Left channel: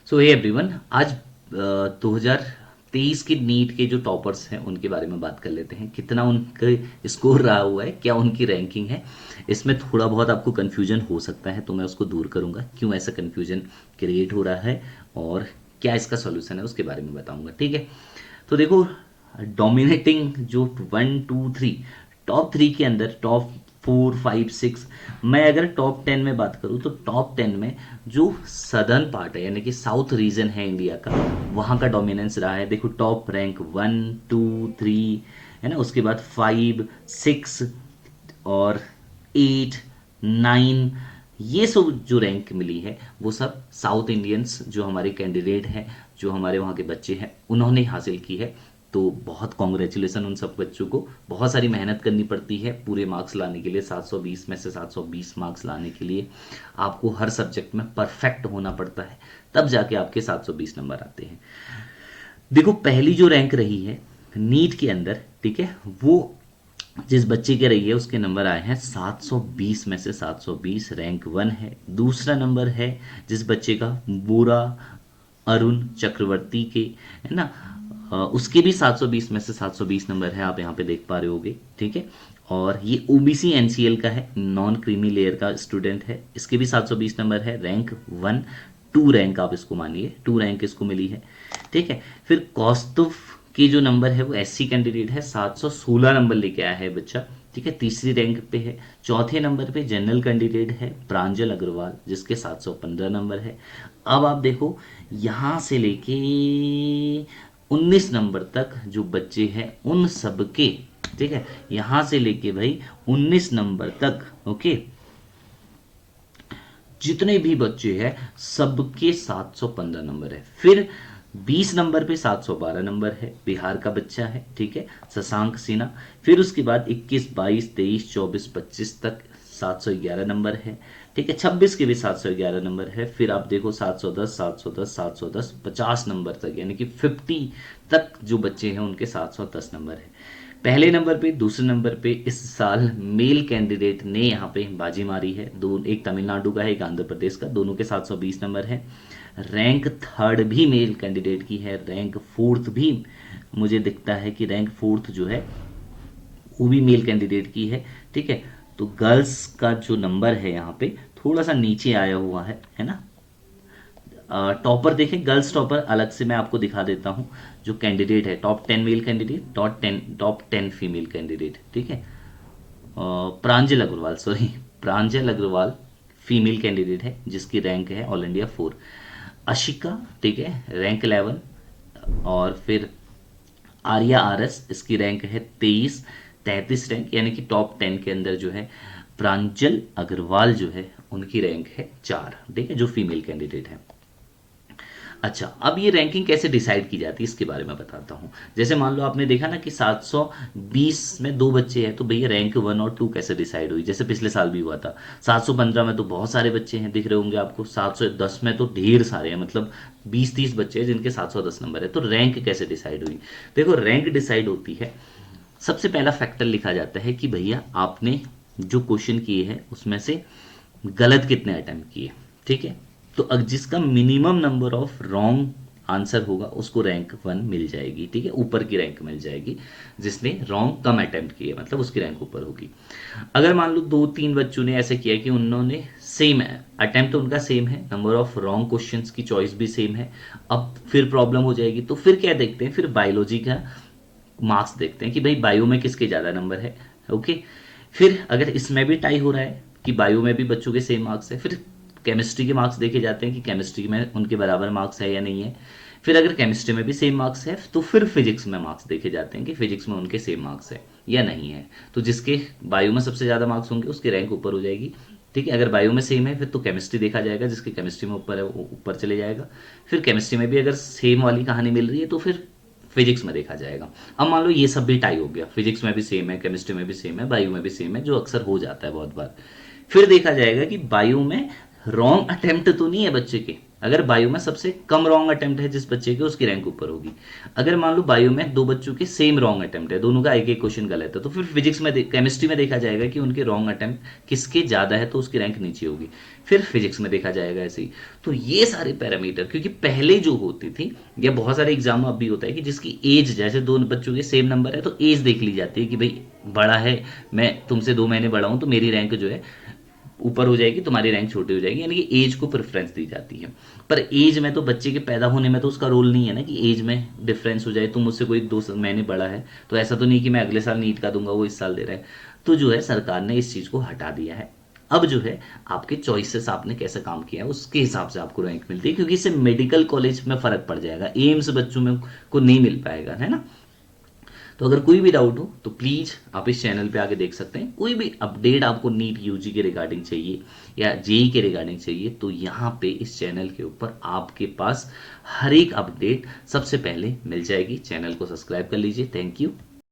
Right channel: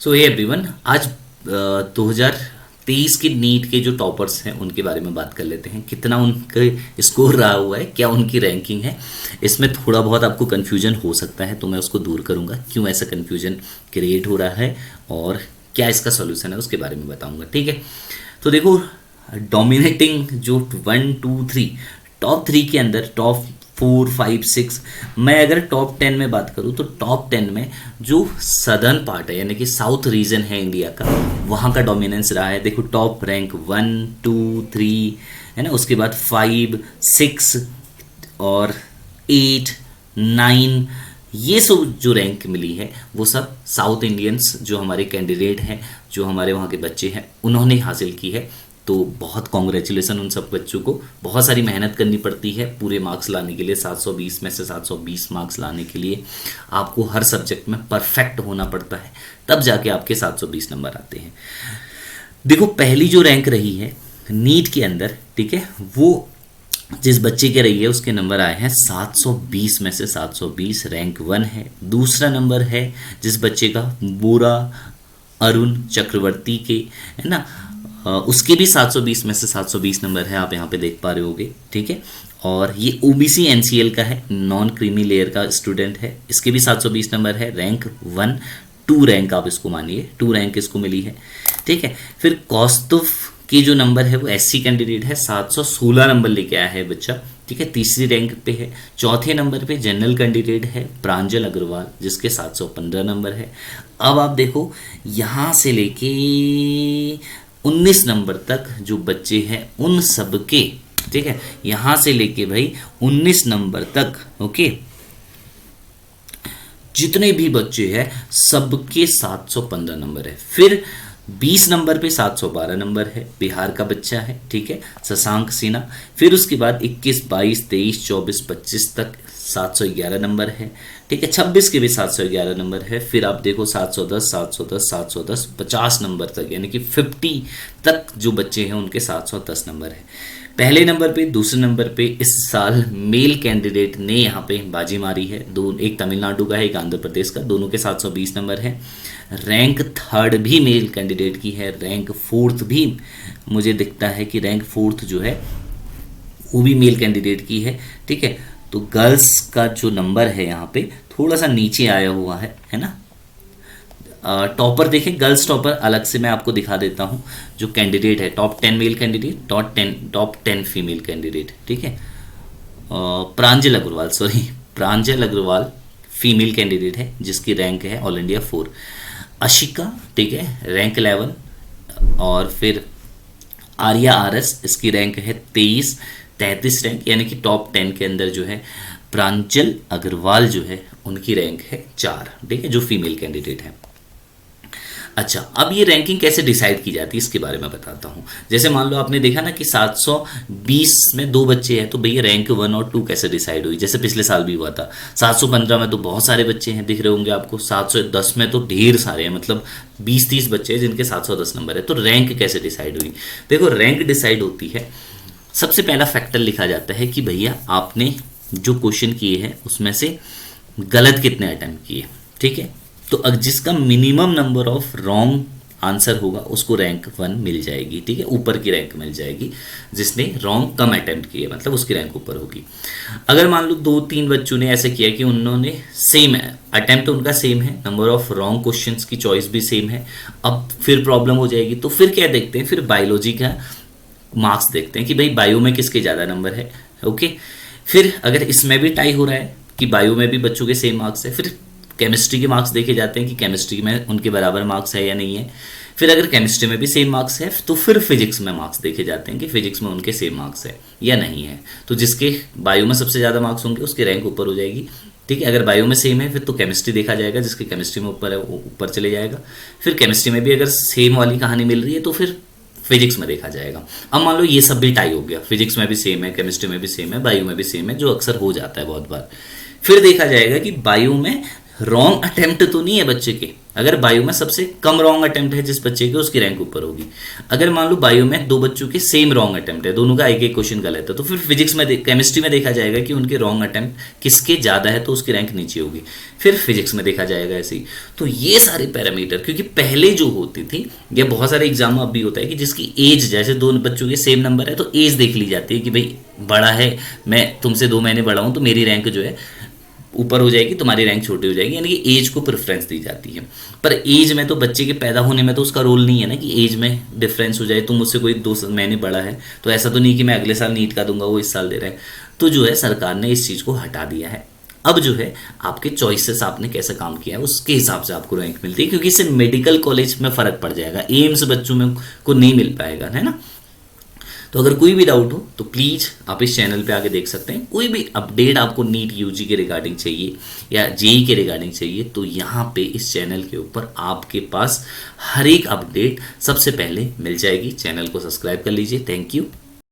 सो hey everyone, आज 2023 के NEET के जो टॉपर्स हैं उनके बारे में बात कर लेते हैं। कितना उनके स्कोर रहा हुआ है, क्या उनकी रैंकिंग है। इसमें थोड़ा बहुत आपको कन्फ्यूजन हो सकता है, तो मैं उसको दूर करूंगा, क्यों ऐसा कन्फ्यूजन क्रिएट हो रहा है और क्या इसका सोल्यूशन है उसके बारे में बताऊंगा। ठीक है, तो देखो, डोमिनेटिंग जो 1 2 3 टॉप 3 के अंदर टॉप 4 5 6, मैं अगर टॉप 10 में बात करूं तो टॉप 10 में जो सदर्न पार्ट है यानी कि साउथ रीजन है इंडिया का, वहां का डोमिनेंस रहा है। देखो, टॉप रैंक 1 2 3 है ना, उसके बाद 5 6 और 8 9, ये सब जो रैंक मिली है वो सब साउथ इंडियंस जो हमारे कैंडिडेट हैं, जो हमारे वहाँ के बच्चे हैं, उन्होंने हासिल की है। तो बहुत कॉन्ग्रेचुलेसन उन सब बच्चों को। बहुत सारी मेहनत करनी पड़ती है पूरे मार्क्स लाने के लिए। 720 में से 720 मार्क्स लाने के लिए आपको हर सब्जेक्ट में परफेक्ट होना पड़ता है, तब जाके आपके 720 नंबर आते हैं। देखो, पहली जो रैंक रही है नीट के अंदर, ठीक है, वो जिस बच्चे के रही है उसके नंबर आए हैं 720 में से 720, रैंक 1 है। दूसरा नंबर है जिस बच्चे का बोरा अरुण चक्रवर्ती के, है ना, उसके भी 720 में से 720 नंबर है, आप यहाँ पे देख पा रहे होगे। ठीक है, और ये ओबीसी एनसीएल का है, नॉन क्रीमी लेयर का स्टूडेंट है, इसके भी 720 नंबर है, रैंक 1 2 रैंक आप इसको मानिए, 2 रैंक इसको मिली है। ठीक है, फिर कौस्तुभ की जो नंबर है वो एससी कैंडिडेट है, 716 नंबर लेके आया है बच्चा। ठीक है, तीसरी रैंक पे है। चौथे नंबर पे जनरल कैंडिडेट है प्रांजल अग्रवाल, जिसके 715 नंबर है। अब आप देखो, यहाँ से लेके 19 नंबर तक जो बच्चे हैं उन सब के, ठीक है, यहां से लेके भाई 19 नंबर तक, ओके, जितने भी बच्चे हैं सबके 715 नंबर है। फिर 20 नंबर पे 712 नंबर है, बिहार का बच्चा है, ठीक है, शशांक सिन्हा। फिर उसके बाद 21 22 23 24 25 तक 711 नंबर है। ठीक है, 26 के भी 711 नंबर है। फिर आप देखो 710 710 710 50 नंबर तक, यानी कि 50 तक जो बच्चे हैं उनके 710 नंबर है। पहले नंबर पे, दूसरे नंबर पे इस साल मेल कैंडिडेट ने यहाँ पे बाजी मारी है। दो, एक तमिलनाडु का है, एक आंध्र प्रदेश का, दोनों के 720 नंबर है। रैंक थर्ड भी मेल कैंडिडेट की है, रैंक फोर्थ भी मुझे दिखता है कि रैंक फोर्थ जो है वो भी मेल कैंडिडेट की है। ठीक है, तो गर्ल्स का जो नंबर है यहाँ पे थोड़ा सा नीचे आया हुआ है ना। टॉपर देखें, गर्ल्स टॉपर अलग से मैं आपको दिखा देता हूँ। जो कैंडिडेट है, top 10 male candidate, top 10 female candidate. ठीक है, प्रांजल अग्रवाल, सॉरी, प्रांजल अग्रवाल फीमेल कैंडिडेट है, जिसकी रैंक है ऑल इंडिया 4। अशिका, ठीक है, रैंक 11। और फिर आर्या आरएस, इसकी रैंक है 33 रैंक, यानी कि टॉप 10 के अंदर जो है प्रांजल अग्रवाल जो है उनकी रैंक है 4। ठीक है, जो फीमेल कैंडिडेट है। अच्छा, अब ये रैंकिंग कैसे डिसाइड की जाती है इसके बारे में बताता हूँ। जैसे मान लो आपने देखा ना कि 720 में 2 बच्चे हैं, तो भैया रैंक 1 और 2 कैसे डिसाइड हुई। जैसे पिछले साल भी हुआ था, 715 में तो बहुत सारे बच्चे हैं, दिख रहे होंगे आपको। 710 में तो ढेर सारे हैं, मतलब 20 30 बच्चे हैं जिनके 710 नंबर है। तो रैंक कैसे डिसाइड हुई? देखो, रैंक डिसाइड होती है, सबसे पहला फैक्टर लिखा जाता है कि भैया आपने जो क्वेश्चन किए हैं उसमें से गलत कितने अटेम्प्ट किए। ठीक है, तो जिसका minimum number of wrong answer होगा उसको रैंक 1 मिल जाएगी। ठीक है, ऊपर की रैंक मिल जाएगी। जिसने रॉन्ग कम अटेम्प्ट किए मतलब उसकी रैंक ऊपर होगी। अगर मान लो 2 3 बच्चों ने ऐसे किया कि उन्होंने सेम है, अटेम्प्ट उनका सेम है, नंबर ऑफ रॉन्ग क्वेश्चंस की चॉइस भी सेम है, अब फिर प्रॉब्लम हो जाएगी। तो फिर क्या देखते हैं, फिर बायोलॉजी का मार्क्स देखते हैं कि भाई बायो में किसके ज़्यादा नंबर है। ओके, फिर अगर इसमें भी टाई हो रहा है कि बायो में भी बच्चों के सेम मार्क्स है, फिर केमिस्ट्री के मार्क्स देखे जाते हैं कि केमिस्ट्री में उनके बराबर मार्क्स है या नहीं है। फिर अगर केमिस्ट्री में भी सेम मार्क्स है तो फिर फिजिक्स में मार्क्स देखे जाते हैं कि फिजिक्स में उनके सेम मार्क्स है या नहीं है। तो जिसके बायो में सबसे ज़्यादा मार्क्स होंगे उसकी रैंक ऊपर हो जाएगी। ठीक है, अगर बायो में सेम है फिर तो केमिस्ट्री देखा जाएगा, जिसके केमिस्ट्री में ऊपर है वो ऊपर चले जाएगा। फिर केमिस्ट्री में भी अगर सेम वाली कहानी मिल रही है तो फिर फिजिक्स में देखा जाएगा। अब मान लो ये सब भी टाई हो गया, फिजिक्स में भी सेम है, केमिस्ट्री में भी सेम है, बायो में भी सेम है, जो अक्सर हो जाता है बहुत बार। फिर देखा जाएगा कि बायो में रॉन्ग अटेम्प्ट तो नहीं है बच्चे के। अगर बायो में सबसे कम रॉन्ग अटेम्प्ट है जिस बच्चे के, उसकी रैंक ऊपर होगी। अगर मान लो बायो में दो बच्चों के सेम रॉन्ग अटेम्प्ट है, दोनों का एक एक क्वेश्चन गलत है, तो फिर फिजिक्स में केमिस्ट्री में देखा जाएगा कि उनके रॉन्ग अटेम्प्ट किसके ज्यादा है, तो उसकी रैंक नीचे होगी। फिर फिजिक्स में देखा जाएगा ऐसे ही। तो ये सारे पैरामीटर, क्योंकि पहले जो होती थी, ये बहुत सारे एग्जाम अब भी होता है कि जिसकी एज, जैसे दोनों बच्चों के सेम नंबर है तो एज देख ली जाती है कि भाई बड़ा है, मैं तुमसे 2 महीने बड़ा हूं, तो मेरी रैंक जो है ऊपर हो जाएगी, तुम्हारी रैंक छोटी हो जाएगी, यानी कि एज को प्रेफरेंस दी जाती है। पर एज में तो बच्चे के पैदा होने में तो उसका रोल नहीं है ना कि एज में डिफरेंस हो जाए। तुम मुझसे कोई 2 महीने बड़ा है तो ऐसा तो नहीं कि मैं अगले साल नीट का दूंगा, वो इस साल दे रहा है। तो जो है सरकार ने इस चीज को हटा दिया है। अब जो है आपके चॉइसेस, आपने कैसा काम किया है उसके हिसाब से आपको रैंक मिलती है, क्योंकि इससे मेडिकल कॉलेज में फर्क पड़ जाएगा, एम्स बच्चों में को नहीं मिल पाएगा, है ना। तो अगर कोई भी डाउट हो तो प्लीज आप इस चैनल पे आके देख सकते हैं। कोई भी अपडेट आपको नीट यूजी के रिगार्डिंग चाहिए या जेई के रिगार्डिंग चाहिए, तो यहाँ पे इस चैनल के ऊपर आपके पास हर एक अपडेट सबसे पहले मिल जाएगी। चैनल को सब्सक्राइब कर लीजिए। Thank you.